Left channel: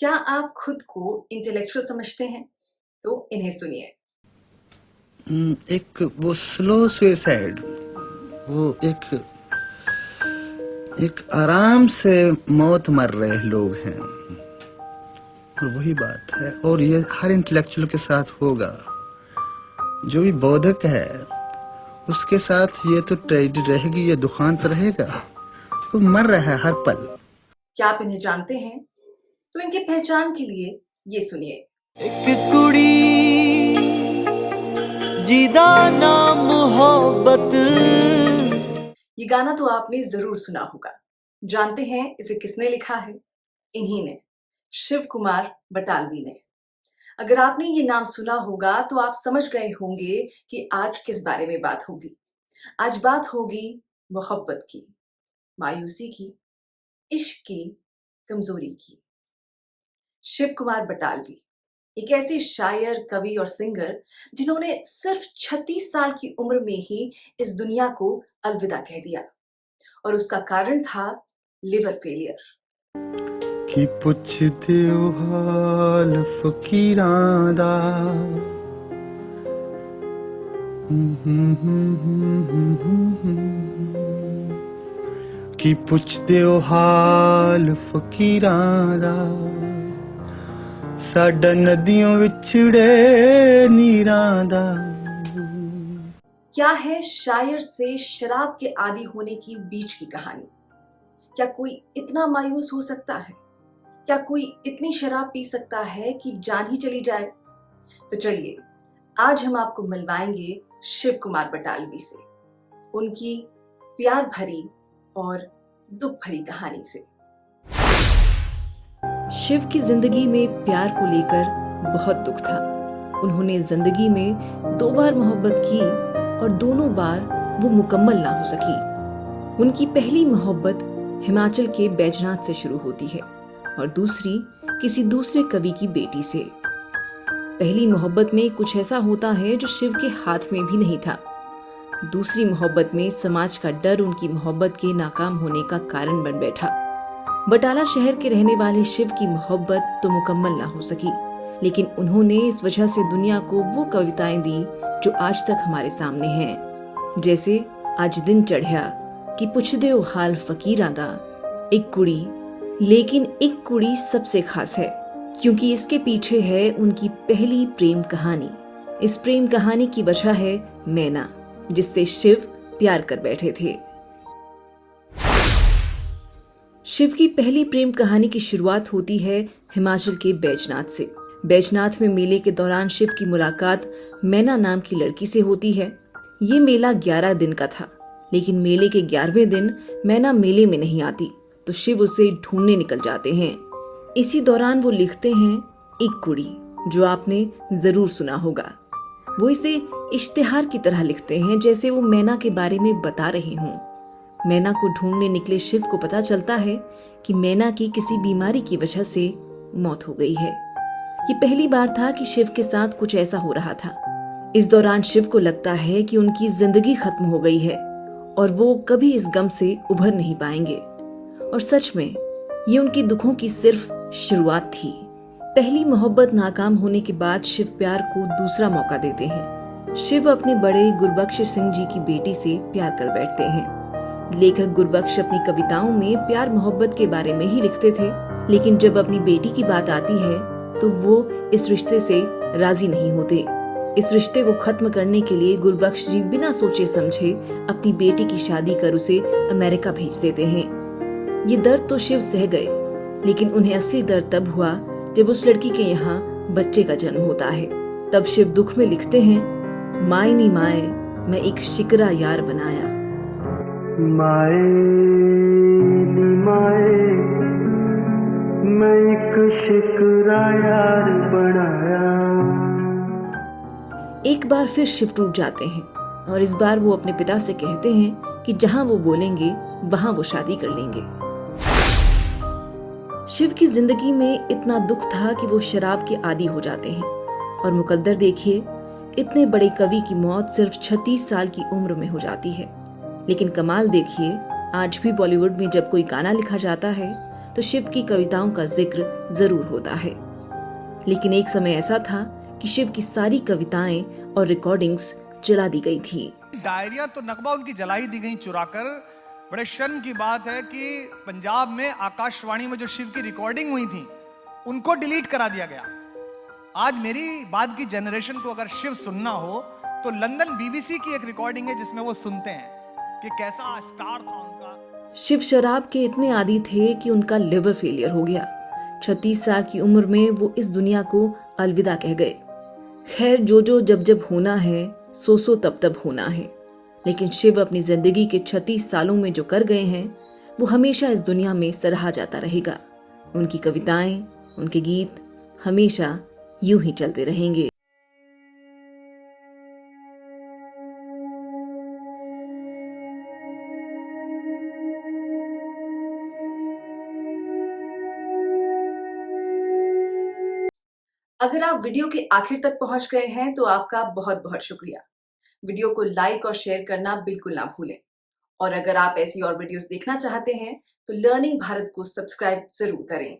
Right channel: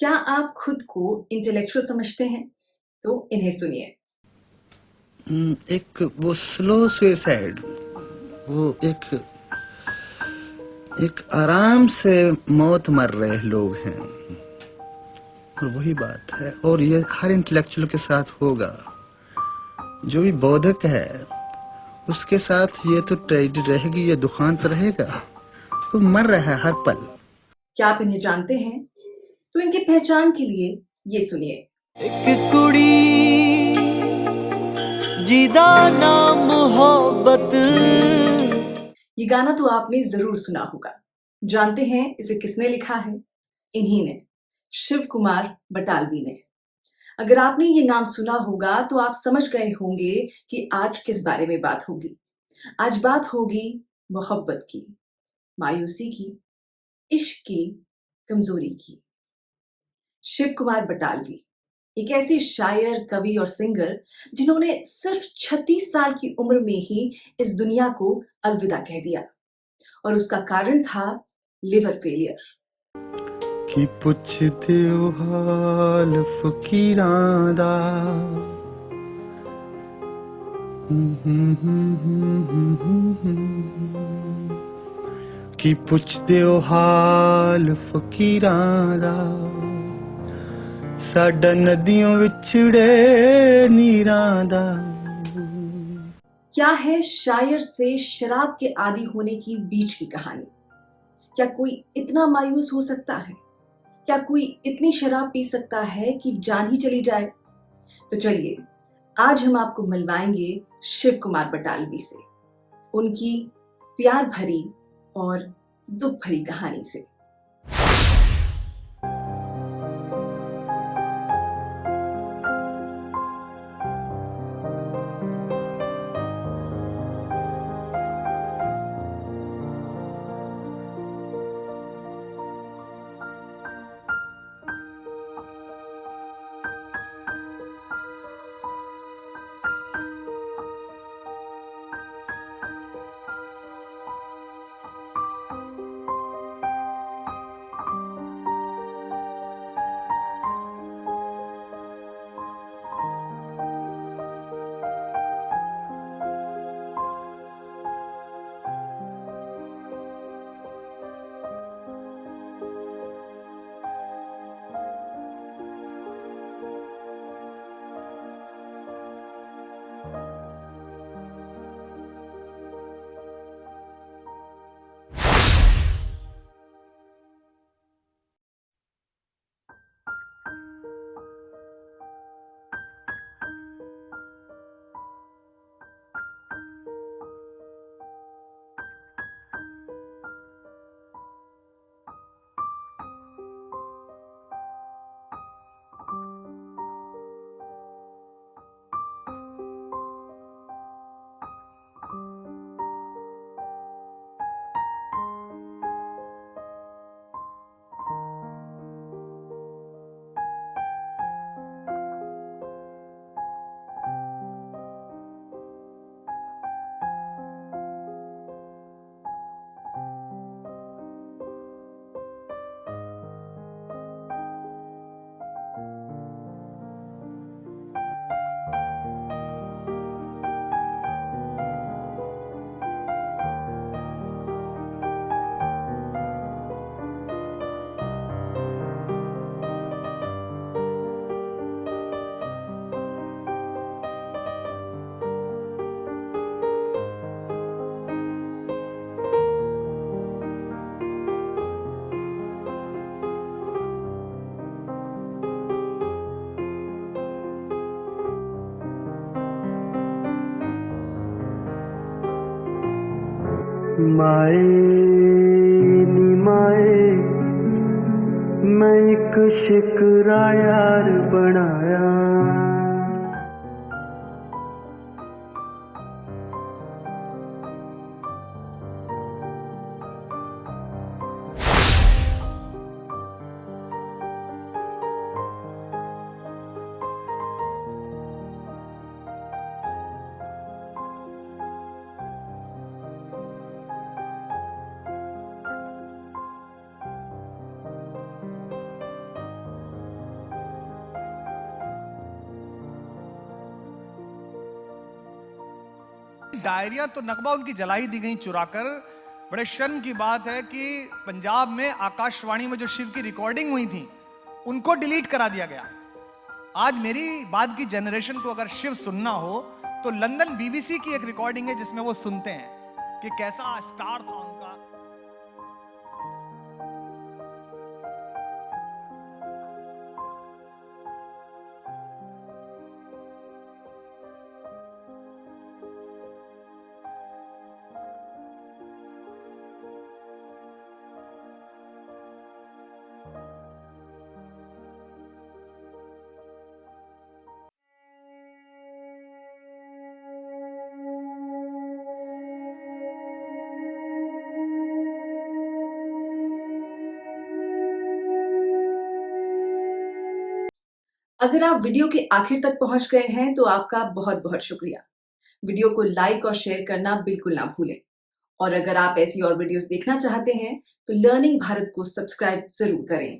क्या आप खुद को इंटेलेक्चुअल समझते हैं? तो इन्हें सुनिए। एक वो स्लो सुसाइड, वो एक एक आराम से मौत मर रहे लोग हैं। और वही बात है, और ये हर इंटेलेक्चुअल के साथ होगा। जो भी बौद्धिक है उसके साथ ये तो ट्रेजेडी रहेगी, ये दुखांत रहेगा। वो मर रहा है हर पल। क्या आप इन्हें जानते हैं? तो इनकी पहचान के लिए ये सुनिए। एक कुड़ी जिदा नाम मोहब्बत। ये गाना तो आपने जरूर सुना होगा। जानते हैं इसे किसने लिखा है? इन्हीं ने, शिव कुमार बटालवी ने। अगर आपने ये नाम सुना होगा तो आप समझ गए होंगे कि आज किस बारे में बात होगी। आज बात होगी मोहब्बत की, मायूसी की, इश्क की, कमजोरी की। शिव कुमार बटालवी एक ऐसे शायर, कवि और सिंगर जिन्होंने सिर्फ 36 साल की उम्र में ही इस दुनिया को अलविदा कह दिया, और उसका कारण था लिवर फेलियर। कि पुछदे ओ हाल फकीरां दा, कि पुछदे ओ हाल फकीरां दा, साडा नदियों विछड़े नीरां दा। क्या है शायर से शराब के आदी होने की बीच की कहानी? क्या कोई इतना मायूस हो सकता है? क्या कोई इतनी शराब पी सकता है कि जान ही चली जाए? तो चलिए, आज हम आपको मिलवाएंगे शिव कुमार बटालवी से, उनकी प्यार भरी और दुख भरी कहानी से। शिव की जिंदगी में प्यार को लेकर बहुत दुख था। उन्होंने जिंदगी में 2 बार मोहब्बत की और दोनों बार वो मुकम्मल ना हो सकी। उनकी पहली मोहब्बत हिमाचल के बैजनाथ से शुरू होती है और दूसरी किसी दूसरे कवि की बेटी से। पहली मोहब्बत में कुछ ऐसा होता है जो शिव के हाथ में भी नहीं था। दूसरी मोहब्बत में समाज का डर उनकी मोहब्बत के नाकाम होने का कारण बन बैठा। बटाला शहर के रहने वाले शिव की मोहब्बत तो मुकम्मल ना हो सकी, लेकिन उन्होंने इस वजह से दुनिया को वो कविताएं दी जो आज तक हमारे सामने हैं। जैसे आज दिन चढ़िया कि पुछदे ओ हाल फकीरां दा, एक कुड़ी, लेकिन एक कुड़ी सबसे खास है क्योंकि इसके पीछे है उनकी पहली प्रेम कहानी। इस प्रेम कहानी की वजह है मैना, जिससे शिव प्यार कर बैठे थे। शिव की पहली प्रेम कहानी की शुरुआत होती है हिमाचल के बैजनाथ से। बैजनाथ में मेले के दौरान शिव की मुलाकात मैना नाम की लड़की से होती है। ये मेला 11 दिन का था, लेकिन मेले के 11वें दिन मैना मेले में नहीं आती तो शिव उसे ढूंढने निकल जाते हैं। इसी दौरान वो लिखते हैं एक कुड़ी, जो आपने जरूर सुना होगा। वो इसे इश्तिहार की तरह लिखते हैं, जैसे वो मैना के बारे में बता रहे हों। मैना को ढूंढने निकले शिव को पता चलता है कि मैना की किसी बीमारी की वजह से मौत हो गई है। ये पहली बार था कि शिव के साथ कुछ ऐसा हो रहा था। इस दौरान शिव को लगता है कि उनकी जिंदगी खत्म हो गई है और वो कभी इस गम से उभर नहीं पाएंगे। और सच में ये उनकी दुखों की सिर्फ शुरुआत थी। पहली मोहब्बत नाकाम होने के बाद शिव प्यार को दूसरा मौका देते हैं। शिव अपने बड़े गुरबख्श सिंह जी की बेटी से प्यार कर बैठते हैं। लेखक गुरबख्श अपनी कविताओं में प्यार मोहब्बत के बारे में ही लिखते थे, लेकिन जब अपनी बेटी की बात आती है तो वो इस रिश्ते से राजी नहीं होते। इस रिश्ते को खत्म करने के लिए गुरबख्श जी बिना सोचे समझे अपनी बेटी की शादी कर उसे अमेरिका भेज देते हैं। ये दर्द तो शिव सह गए, लेकिन उन्हें असली दर्द तब हुआ जब उस लड़की के यहाँ बच्चे का जन्म होता है। तब शिव दुख में लिखते हैं, माए नी माए मैं एक शिकरा यार बनाया। माए नी माए मैं एक शिकरा यार बनाया। एक बार फिर शिव टूट जाते हैं और इस बार वो अपने पिता से कहते हैं कि जहां वो बोलेंगे वहां वो शादी कर लेंगे। शिव की जिंदगी में इतना दुख था कि वो शराब के आदी हो जाते हैं। और मुकद्दर देखिए, इतने बड़े कवि की मौत सिर्फ 36 साल की उम्र में हो जाती है। लेकिन कमाल देखिए, आज भी बॉलीवुड में जब कोई गाना लिखा जाता है तो तो शिव की कविताओं का जिक्र जरूर होता है। लेकिन एक समय ऐसा था कि शिव की सारी कविताएं और रिकॉर्डिंग्स जला दी गई थी। डायरिया तो नकबा उनकी जलाई दी गई चुराकर। बड़े शर्म की बात है कि पंजाब में आकाशवाणी में जो शिव की रिकॉर्डिंग हुई थी उनको डिलीट करा दिया गया। आज मेरी बाद की जनरेशन को अगर शिव सुनना हो तो लंदन बीबीसी की एक रिकॉर्डिंग है जिसमें वो सुनते हैं कि कैसा स्टार था उनका। शिव शराब के इतने आदी थे कि उनका लिवर फेलियर हो गया। 36 साल की उम्र में वो इस दुनिया को अलविदा कह गए। खैर, जो जब जब होना है सो तब होना है। लेकिन शिव अपनी जिंदगी के 36 सालों में जो कर गए हैं वो हमेशा इस दुनिया में सराहा जाता रहेगा। उनकी कविताएं, उनके गीत हमेशा यूं ही चलते रहेंगे। अगर आप वीडियो के आखिर तक पहुंच गए हैं तो आपका बहुत बहुत शुक्रिया। वीडियो को लाइक और शेयर करना बिल्कुल ना भूलें। और अगर आप ऐसी और वीडियोस देखना चाहते हैं तो लर्निंग भारत को सब्सक्राइब जरूर करें।